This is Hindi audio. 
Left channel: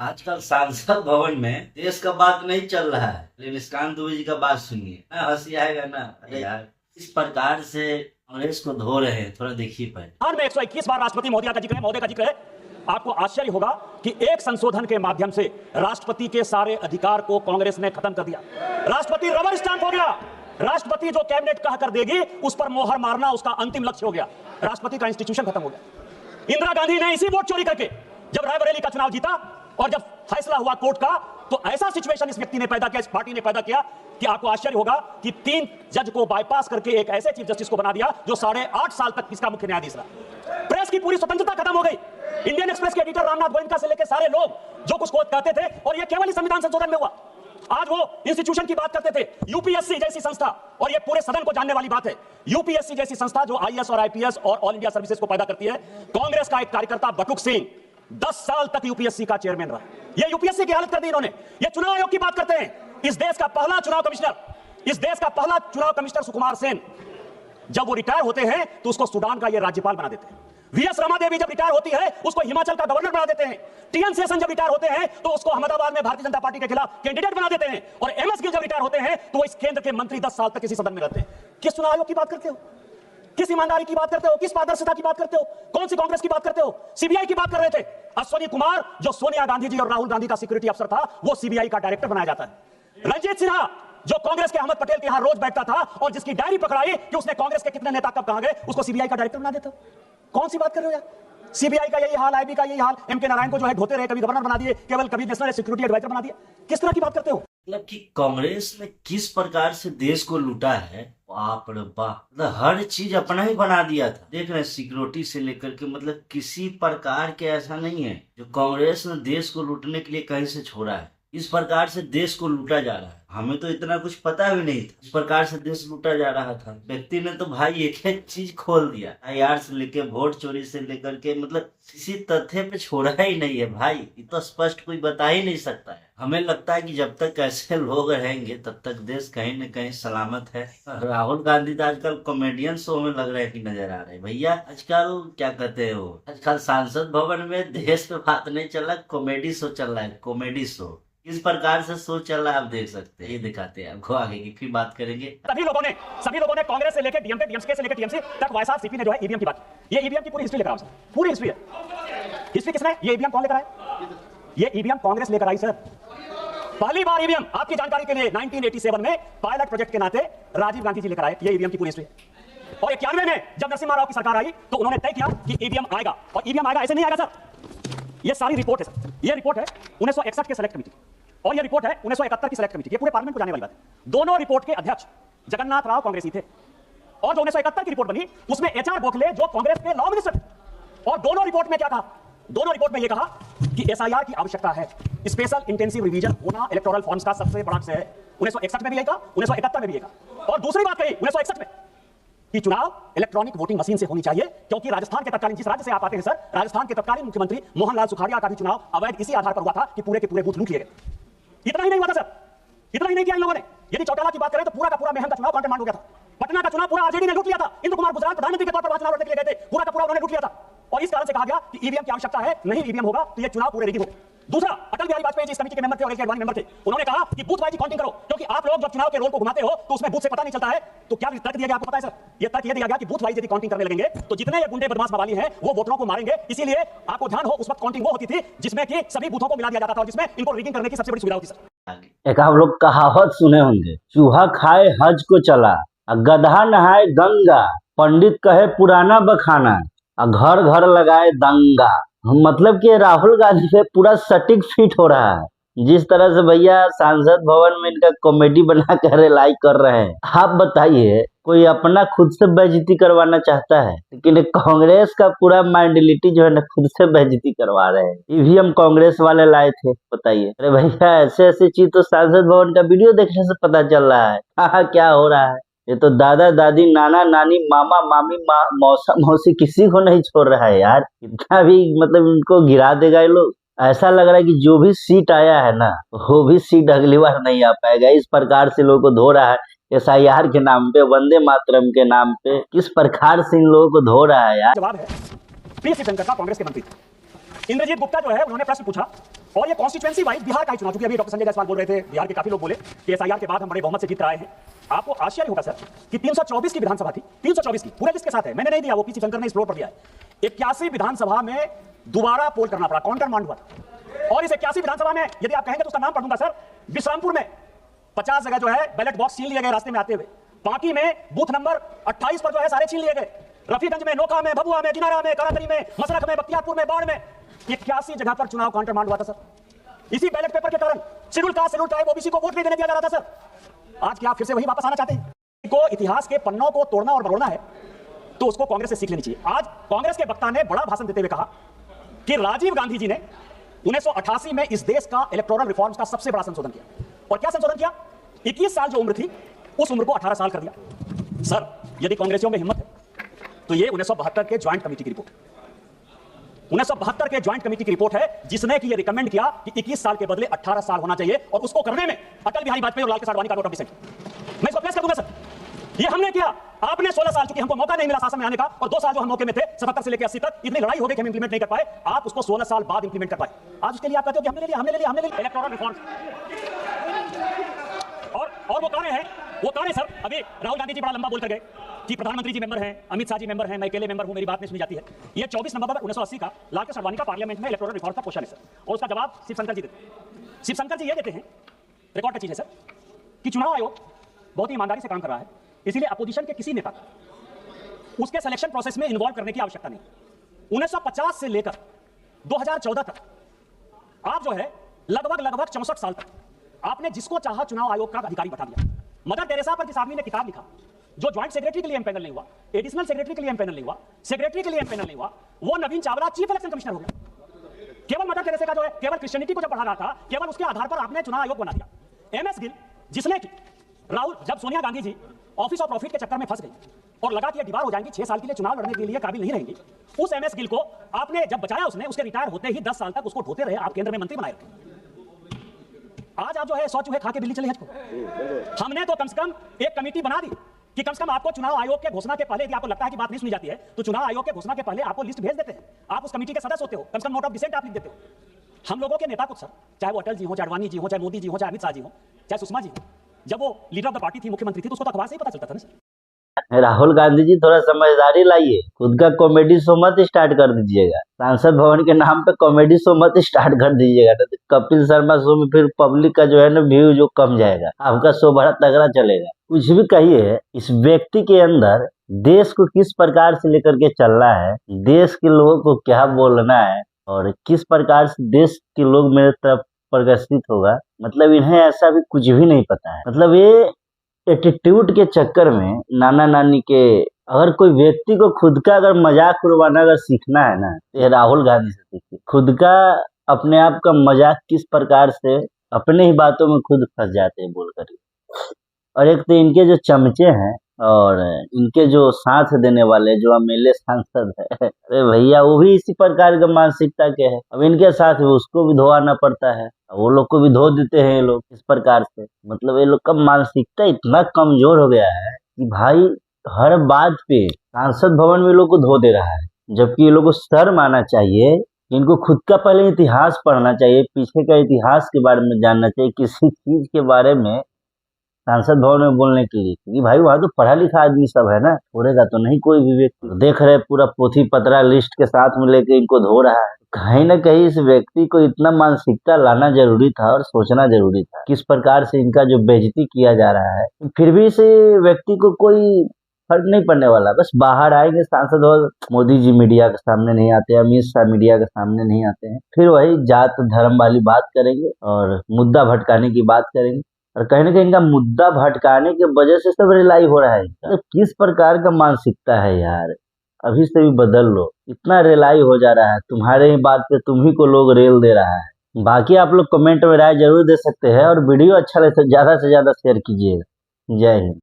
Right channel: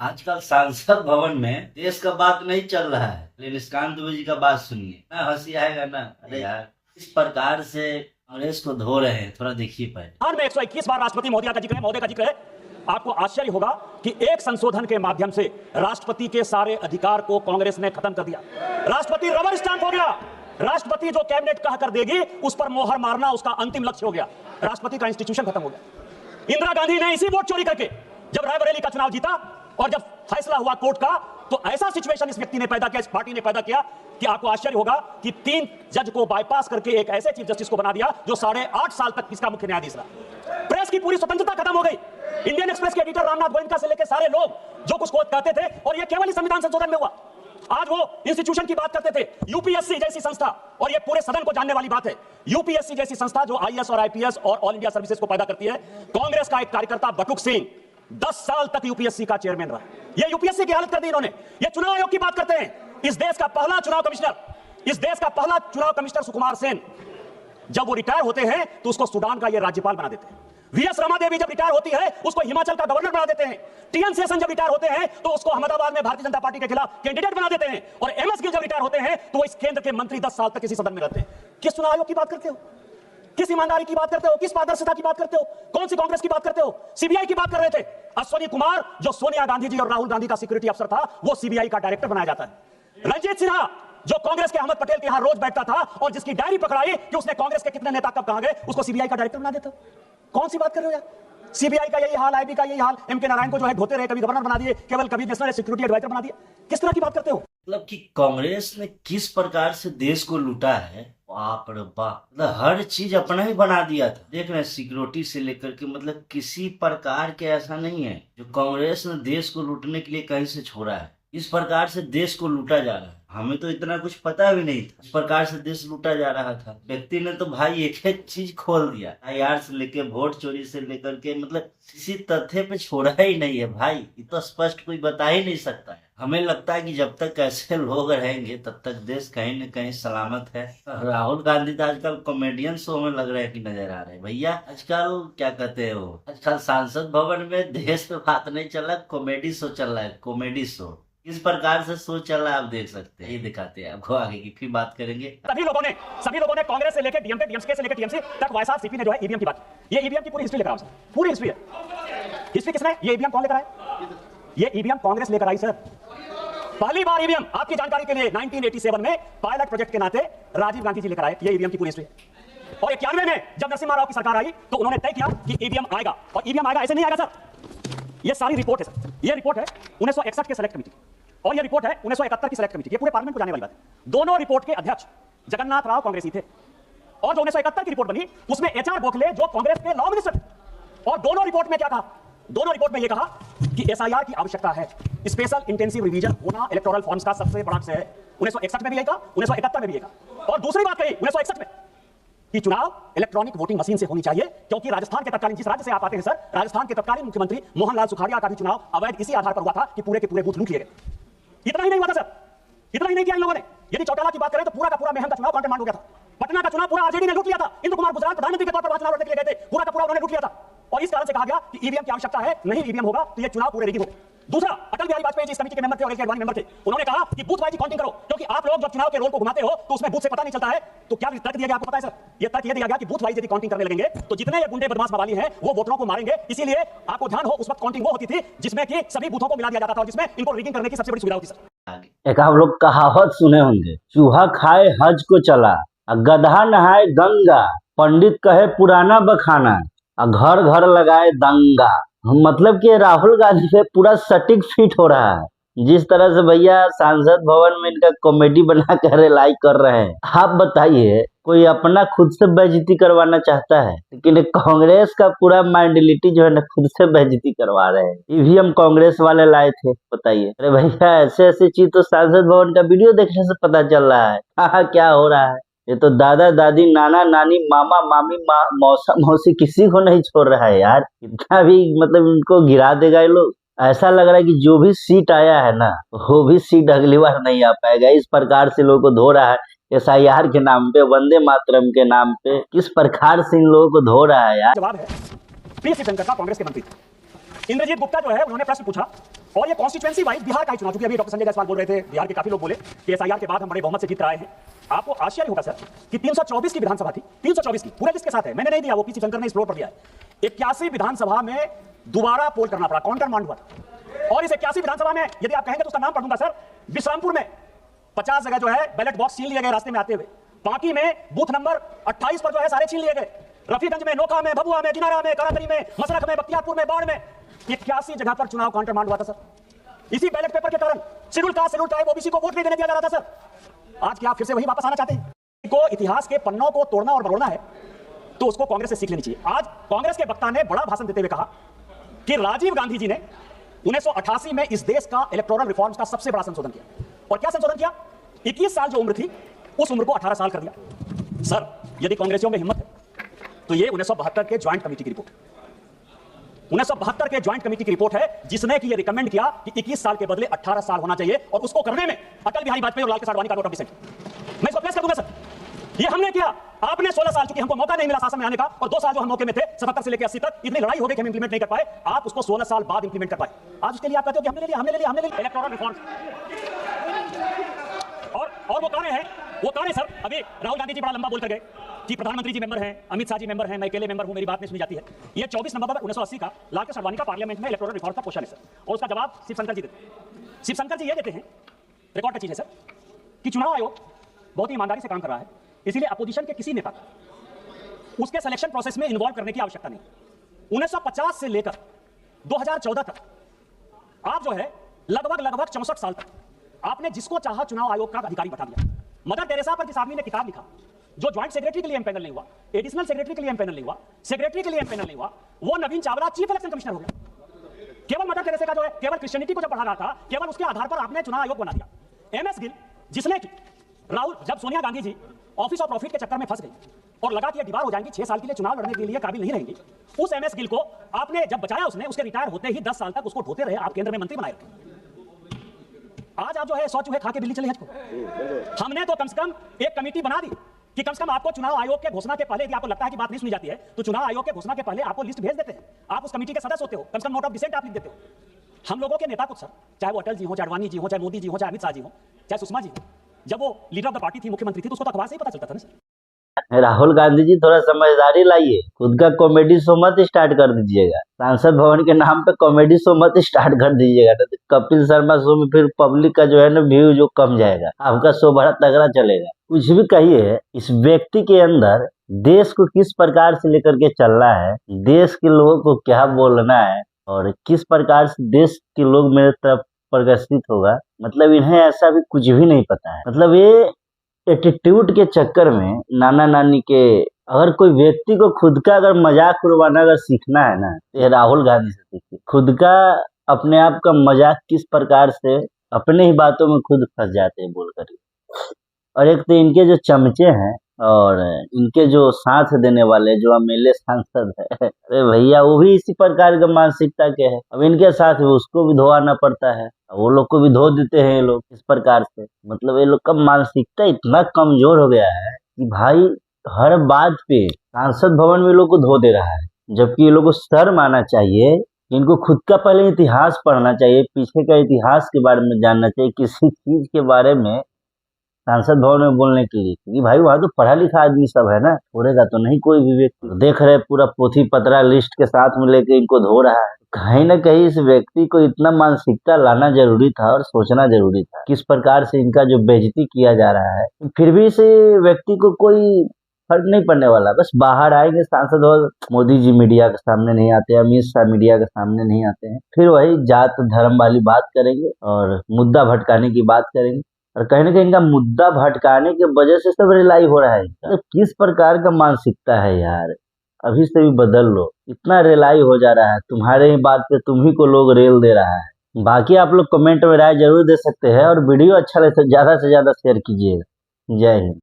आजकल सांसद भवन में देश का बात नहीं चल रहा है, लेकिन निष्कांत दुबे जी का बात सुनिए ना, हंसी आएगा ना। अरे यार, इस प्रकार से कांग्रेस को धो रहे हैं, थोड़ा देखिए पहले। हाल में 121 बार राष्ट्रपति महोदय का जिक्र है। आपको आश्चर्य होगा कि एक संशोधन के माध्यम से राष्ट्रपति के सारे अधिकार को कांग्रेस ने खत्म कर दिया। राष्ट्रपति रबर स्टैंप हो गया। राष्ट्रपति जो कैबिनेट कहा कर देगी उस पर मोहर मारना उसका अंतिम लक्ष्य हो गया। राष्ट्रपति का इंस्टीट्यूशन खत्म हो गया। इंदिरा गांधी ने इसी वोट चोरी करके जब रायबरेली का चुनाव जीता और जब फैसला हुआ कोर्ट का, तो ऐसा सिचुएशन इस व्यक्ति ने पैदा किया, इस पार्टी ने पैदा किया कि आपको आश्चर्य होगा कि 3 जज को बाईपास करके एक ऐसे चीफ जस्टिस को बना दिया जो 8.5 साल तक इसका मुख्य न्यायाधीश रहा। प्रेस की पूरी स्वतंत्रता खत्म हो गई। इंडियन एक्सप्रेस के एडिटर रामनाथ गोयनका से लेकर सारे लोग जो कुछ कहते थे, और ये केवल संविधान संशोधन में हुआ। आज वो इंस्टीट्यूशन की बात करते थे, यूपीएससी जैसी संस्था, और ये पूरे सदन को जानने वाली बात है। यूपीएससी जैसी संस्था जो आईएएस और आईपीएस और ऑल इंडिया सर्विसेज को पैदा करती है। कांग्रेस का एक कार्यकर्ता बटुक सिंह 10 साल तक यूपीएससी का चेयरमैन रहा। ये यूपीएससी की हालत कर दी इन्होंने। ये चुनाव आयोग की बात करते हैं। इस देश का पहला चुनाव कमिश्नर सुकुमार सेन, जब वो रिटायर होते हैं तो उसको सूडान का ये राज्यपाल बना देते हैं। वीएस रमा देवी जब रिटायर होती है उसको हिमाचल का गवर्नर बना देते हैं। टीएन शेषन जब रिटायर होते हैं तो उसको अहमदाबाद में भारतीय जनता पार्टी के खिलाफ कैंडिडेट बना देते हैं। और एमएस गिल जब रिटायर होते हैं तो इस केंद्र के मंत्री 10 साल तक किसी सदन में रहते हैं। किस चुनाव आयोग की बात करते हो? किस ईमानदारी की बात करते हो? किस पारदर्शिता की बात करते हो? कौन सी कांग्रेस की बात करते हो? सीबीआई की बात कर रहे थे। अश्वनी कुमार जो सोनिया गांधी जी और राहुल गांधी का सिक्योरिटी अफसर था, वो सीबीआई का डायरेक्टर बनाया जाता है। रंजीत सिन्हा जो कांग्रेस के अहमद पटेल के यहां रोज बैठता था और जिसकी डायरी पकड़ाई कि उसने कांग्रेस के कितने नेता कब कहां गए, उसको सीबीआई का डायरेक्टर बना देता। कौन सी बात कर रहे हो यार? सीबीआई का यही हाल, आईबी का यही हाल। एमके नारायण को जो है धोते रहे, कभी गवर्नर बना दिए, केवल कभी नेशनल सिक्योरिटी एडवाइजर बना दिया। किस तरह की बात करते हो? मतलब कि कांग्रेस ने किस प्रकार से देश को लूटा है, बाप रे बाप। मतलब हर चीज अपना ही बना दिया था। देख रहे हैं, सिक्योरिटी से लेकर के, मतलब किसी प्रकार के ऐसा नहीं है जो कांग्रेस ने देश को लूटने के लिए कहीं से छोड़ा है। इस प्रकार से देश को लूटा जा रहा है। हमें तो इतना कुछ पता भी नहीं था। इस प्रकार से देश लूटा जा रहा था। व्यक्ति ने तो भाई एक एक चीज खोल दिया, आईआर से लेके वोट चोरी से लेकर के, मतलब किसी तथ्य पे छोड़ा ही नहीं है भाई। ये तो स्पष्ट कोई बता ही नहीं सकता है। हमें लगता है कि जब तक ऐसे लोग रहेंगे तब तक देश कहीं न कहीं सलामत है। राहुल गांधी तो आजकल कॉमेडियन शो में लग रहा है कि नजर आ रहे हैं भैया। आजकल क्या कहते हो, आजकल सांसद भवन में देश पे बात नहीं चल रहा, कॉमेडी शो चल रहा है। कॉमेडी शो इस प्रकार से शो चल रहा है, आप देख सकते हैं। ये दिखाते हैं आपको आगे की, फिर बात करेंगे। सभी लोगों ने कांग्रेस से लेकर डीएमके से लेकर टीएमसी तक वाईएसआर सीपी ने जो है ईवीएम की बात, ये ईवीएम की पूरी हिस्ट्री लेकर आओ। पूरी हिस्ट्री है। हिस्ट्री किसने? ये ईवीएम कौन लेकर आए? ये ईवीएम कांग्रेस लेकर आई सर। पहली बार ईवीएम, आपकी जानकारी के लिए, 1987 में पायलट प्रोजेक्ट के नाते राजीव गांधी जी लेकर आए। ये ईवीएम की पूरी हिस्ट्री है। और 91 में जब नरसिम्हा राव की सरकार आई तो उन्होंने तय किया कि ईवीएम आएगा। और ईवीएम आएगा ऐसे नहीं आएगा सर। ये सारी रिपोर्ट है सर। ये रिपोर्ट है 1961 के सेलेक्ट कमेटी और ये रिपोर्ट है 1971 की सेलेक्ट कमेटी। ये पूरे पार्लियामेंट को जाने वाली बात है। दोनों रिपोर्ट के अध्यक्ष जगन्नाथ राव कांग्रेसी थे। और जो 1971 की रिपोर्ट बनी उसमें एचआर गोखले जो कांग्रेस के लॉ मिनिस्टर, और दोनों रिपोर्ट में क्या कहा? दोनों रिपोर्ट में यह कहा कि एसआईआर की आवश्यकता है, स्पेशल इंटेंसिव रिवीजन होना इलेक्टोरल फॉर्म्स का सबसे बड़ा अक्षय है। 1961 में भी यही कहा, 1971 में भी यही कहा। और दूसरी बात कही 1961 में कि चुनाव इलेक्ट्रॉनिक वोटिंग मशीन से होनी चाहिए, क्योंकि राजस्थान के तत्कालीन, जिस राज्य से आप आते हैं सर, राजस्थान के तत्कालीन मुख्यमंत्री मोहनलाल सुखाड़िया का भी चुनाव अवैध इसी आधार पर हुआ था कि पूरे के पूरे बूथ लूट लिए गए। इतना ही नहीं हुआ था सर, इतना ही नहीं किया इन लोगों ने। यदि चौटाला की बात करें तो पूरा का पूरा मेहम का चुनाव कॉन्टेमांड हो गया था। पटना का चुनाव पूरा आरजेडी ने लूट लिया था। इंदु कुमार गुजराल प्रधानमंत्री के तौर पर चुनाव लड़ने के लिए गए थे, पूरा का पूरा उन्होंने लूट लिया था। और इस कारण से कहा गया कि ईवीएम की आवश्यकता है, नहीं ईवीएम होगा तो ये चुनाव पूरे रिगिंग होगा। दूसरा, अटल बिहारी वाजपेयी जी इस कमेटी के मेंबर थे और एडवानी मेंबर थे। उन्होंने कहा कि बूथ वाइज काउंटिंग करो, क्योंकि आप लोग जब चुनाव के रोल को घुमाते हो तो उसमें बूथ से पता नहीं चलता है। तो क्या तर्क दिया गया आपको पता है सर? ये तर्क दिया गया कि बूथ वाइज यदि काउंटिंग करने लगेंगे तो जितने गुंडे बदमाश मवाली हैं वो वोटरों को मारेंगे। इसीलिए आपको ध्यान हो, उस वक्त काउंटिंग वो होती थी जिसमें कि सभी बूथों को मिला दिया जाता था, जिसमें इनको रिगिंग करने की सबसे बड़ी सुविधा होती थी। एक आप लोग कहावत सुने होंगे, चूहा खाए हज को चला, गधा नहाए गंगा, पंडित कहे पुराना बखाना, घर घर लगाए दंगा। मतलब कि राहुल गांधी पे पूरा सटीक फिट हो रहा है। जिस तरह से भैया सांसद भवन में इनका कॉमेडी बना कर लाइक कर रहे हैं, आप बताइए कोई अपना खुद से बेइज्जती करवाना चाहता है? लेकिन कांग्रेस का पूरा माइंडलिटी जो है ना, खुद से बेइज्जती करवा रहे हैं। ईवीएम कांग्रेस वाले लाए थे, बताइए। अरे भैया, ऐसे ऐसे चीज तो सांसद भवन का वीडियो देखने से पता चल रहा है। हाँ, क्या हो रहा है। ये तो दादा दादी, नाना नानी, मामा मामी, मौसा मौसी किसी को नहीं छोड़ रहा है यार। इतना भी मतलब इनको गिरा देगा ये लोग। ऐसा लग रहा है कि जो भी सीट आया है ना, वो भी सीट अगली बार नहीं आ पाएगा। इस प्रकार से लोगों को धो रहा है, एसआईआर के नाम पे, वंदे मातरम के नाम पे। किस प्रकार से इन लोगों को धो रहा है यार। जवाब है, पी शिवशंकर का कांग्रेस के मंत्री थे। इंद्रजीत गुप्ता जो है उन्होंने प्रश्न पूछा और ये कॉन्स्टिट्यूएंसी वाइज बिहार का ही चुनाव, क्योंकि अभी डॉक्टर संजय जायसवाल बोल रहे थे बिहार के काफी लोग बोले कि एसआईआर के बाद हम बड़े बहुमत से जीत कर आए हैं। आपको आश्चर्य होगा सर कि 324 की विधानसभा थी, 324 की, पूरे लिस्ट के साथ है, मैंने नहीं दिया, वो पीसी शंकर ने एक्सप्लोर कर दिया है। 81 विधानसभा में दोबारा पोल करना पड़ा, काउंटर मांड हुआ था। और इस 81 विधानसभा में यदि आप कहेंगे तो उसका नाम पढ़ दूंगा सर, विश्रामपुर में 50 जगह जो है बैलेट बॉक्स छीन लिए गए रास्ते में आते हुए, बाकी में बूथ नंबर 28 पर जो है सारे छीन लिए गए, रफीगंज में, नोखा में, भभुआ में, किनारा में, कराकरी में, मसरख में, बख्तियारपुर में, बाढ़ में 81 जगह पर चुनाव काउंटर मांड हुआ था सर। इसी बैलेट पेपर के कारण schedule caste, schedule tribe, OBC को वोट नहीं देने दिया जा रहा था सर। आज क्या फिर से वही वापस आना चाहते हैं? को इतिहास के पन्नों को तोड़ना और बरोड़ना है तो उसको कांग्रेस से सीख लेनी चाहिए। आज कांग्रेस के वक्ता ने बड़ा भाषण देते हुए कहा कि राजीव गांधी जी ने 1988 में इस देश का इलेक्टोरल रिफॉर्म्स का सबसे बड़ा संशोधन किया। और क्या संशोधन किया? 21 साल जो उम्र थी उस उम्र को 18 साल कर दिया। सर यदि कांग्रेसियों में हिम्मत है तो ये 1972 के ज्वाइंट कमेटी की रिपोर्ट, 1972 के ज्वाइंट कमेटी की रिपोर्ट है जिसने कि ये रिकमेंड किया कि 21 साल के बदले 18 साल होना चाहिए, और उसको करने में अटल बिहारी वाजपेयी और लाल कृष्ण आडवाणी का नोट ऑफ डिसेंट। मैं इसको पेश कर दूंगा सर, ये हमने किया, आपने 16 साल, चूंकि हमको मौका नहीं मिला शासन में आने का, और 2 साल जो हम मौके में थे 77 से लेकर 80 तक, इतनी लड़ाई हो गई कि हम इंप्लीमेंट नहीं कर पाए, आप उसको 16 साल बाद इंप्लीमेंट कर पाए। आज इसके लिए आप कहते हो कि हमने ले लिया इलेक्टोरल रिफॉर्म। और वो कौन है? वो कौन है सर? अभी राहुल गांधी जी बड़ा लंबा बोल कर गए कि प्रधानमंत्री जी मेंबर हैं, अमित शाह जी मेंबर हैं, मैं अकेले मेंबर हूं, मेरी बात नहीं सुनी जाती है। ये 24 नवंबर 1980 का लाल कृष्ण आडवाणी का पार्लियामेंट में इलेक्टोरल रिफॉर्म का क्वेश्चन है सर, और उसका जवाब शिवशंकर जी देते हैं। शिवशंकर जी ये देते हैं, रिकॉर्ड का चीज है सर, कि चुनाव आयोग बहुत ही ईमानदारी से काम कर रहा है, इसीलिए अपोजिशन के किसी नेता उसके सिलेक्शन प्रोसेस में इन्वॉल्व करने की आवश्यकता नहीं। 1950 से लेकर 2014 तक आप जो है लगभग 64 साल तक आपने जिसको चाहा चुनाव आयोग का अधिकारी बता दिया। मदर टेरेसा पर जिस आदमी ने किताब लिखा, जो ज्वाइंट सेक्रेटरी के लिए एमपैनल नहीं हुआ, एडिशनल सेक्रेटरी के लिए एमपैनल नहीं हुआ, सेक्रेटरी के लिए एमपैनल नहीं हुआ, वो नवीन चावला चीफ इलेक्शन कमिश्नर हो गया। केवल मदर टेरेसा का जो है केवल क्रिश्चियनिटी को जब बढ़ा रहा था, केवल उसके आधार पर आपने चुनाव आयोग बना दिया। एमएस गिल जिसने कि राहुल, जब Sonia Gandhi ji office of profit के चक्कर में फंस गई और लगा कि दीवार हो जाएंगी, 6 साल के लिए चुनाव लड़ने के लिए काबिल नहीं रहेंगी, उस एमएस गिल को आपने जब बचाया, उसने उसके रिटायर होते ही 10 साल तक उसको ढोते रहे, आप केंद्र में मंत्री बनाए रखे। आज आप जो है 100 चूहे खा के बिल्ली चले हज को। हमने तो कम से कम एक कमेटी बना दी कि कम से कम आपको चुनाव आयोग के घोषणा के पहले, यदि आपको लगता है कि बात नहीं सुनी जाती है, तो चुनाव आयोग के घोषणा के पहले आपको लिस्ट भेज देते हैं, आप उस कमेटी के सदस्य होते हो, कम से कम नोट ऑफ डिसेंट आप लिख देते हो। हम लोगों के नेता कुछ सर, चाहे वो अटल जी हो, चाहे अडवाणी जी हो, चाहे मोदी जी हो, चाहे अमित शाह जी हो, चाहे सुषमा जी हो, जब वो लीडर ऑफ द पार्टी थी, मुख्यमंत्री थी, तो उसको तो अखबार से ही पता चलता था ना सर। राहुल गांधी जी थोड़ा समझदारी लाइए, खुद का कॉमेडी शो मत स्टार्ट कर दीजिएगा, सांसद भवन के नाम पे कॉमेडी शो मत स्टार्ट कर दीजिएगा, तो कपिल शर्मा शो में फिर पब्लिक का जो है ना व्यू जो कम जाएगा, आपका शो बड़ा तगड़ा चलेगा। कुछ भी कहिए, इस व्यक्ति के अंदर देश को किस प्रकार से लेकर के चलना है, देश के लोगों को क्या बोलना है, और किस प्रकार से देश के लोग मेरे तरफ प्रदर्शित होगा, मतलब इन्हें ऐसा भी कुछ भी नहीं पता है। मतलब ये एटीट्यूड के चक्कर में नाना नानी के, अगर कोई व्यक्ति को खुद का अगर मजाक उड़वाना अगर सीखना है ना, तो ये राहुल गांधी से सीखिए। खुद का, अपने आप का मजाक किस प्रकार से अपने ही बातों में खुद फंस जाते हैं बोल कर। और एक तो इनके जो चमचे हैं और इनके जो साथ देने वाले जो एमएलए सांसद है, अरे भैया वो भी इसी प्रकार का मानसिकता के है। अब इनके साथ उसको भी धोआना पड़ता है, वो लोग को भी धो देते हैं ये लोग इस प्रकार से। मतलब ये लोग का मानसिकता इतना कमजोर हो गया है कि भाई हर बात पे सांसद भवन में लोग को धो दे रहा है, जबकि ये लोग को शर्म आना चाहिए। इनको खुद का पहले इतिहास पढ़ना चाहिए, पीछे का इतिहास के बारे में जानना चाहिए, किसी चीज के बारे में सांसद भवन में बोलने के लिए, क्योंकि भाई वहां तो पढ़ा लिखा आदमी सब है ना, छोड़ेगा तो नहीं कोई भी व्यक्ति। देख रहे पूरा पोथी पतरा लिस्ट के साथ में लेके इनको धो रहा है। कहीं ना कहीं इस व्यक्ति को इतना मानसिकता लाना जरूरी था और सोचना जरूरी था, किस प्रकार से इनका जो बेइज्जती किया जा रहा है। फिर भी इस व्यक्ति को कोई फर्क नहीं पड़ने वाला, बस बाहर आएंगे सांसद और मोदी जी मीडिया के सामने नहीं आते, अमित शाह मीडिया के सामने नहीं आते हैं, फिर वही जात धर्म वाली बात करेंगे और मुद्दा भटकाने की बात करेंगे। और कहीं ना कहीं इनका मुद्दा भटकाने की वजह से सब रिलाई हो रहा है। तो किस प्रकार का मानसिकता है यार, अभी से भी बदल लो, इतना रिलाई हो जा रहा है, तुम्हारे ही बात पे तुम ही को लोग रेल दे रहा है। बाकी आप लोग कमेंट में राय जरूर दे सकते हैं, और वीडियो अच्छा लगे तो ज्यादा से ज्यादा शेयर कीजिएगा। जय हिंद।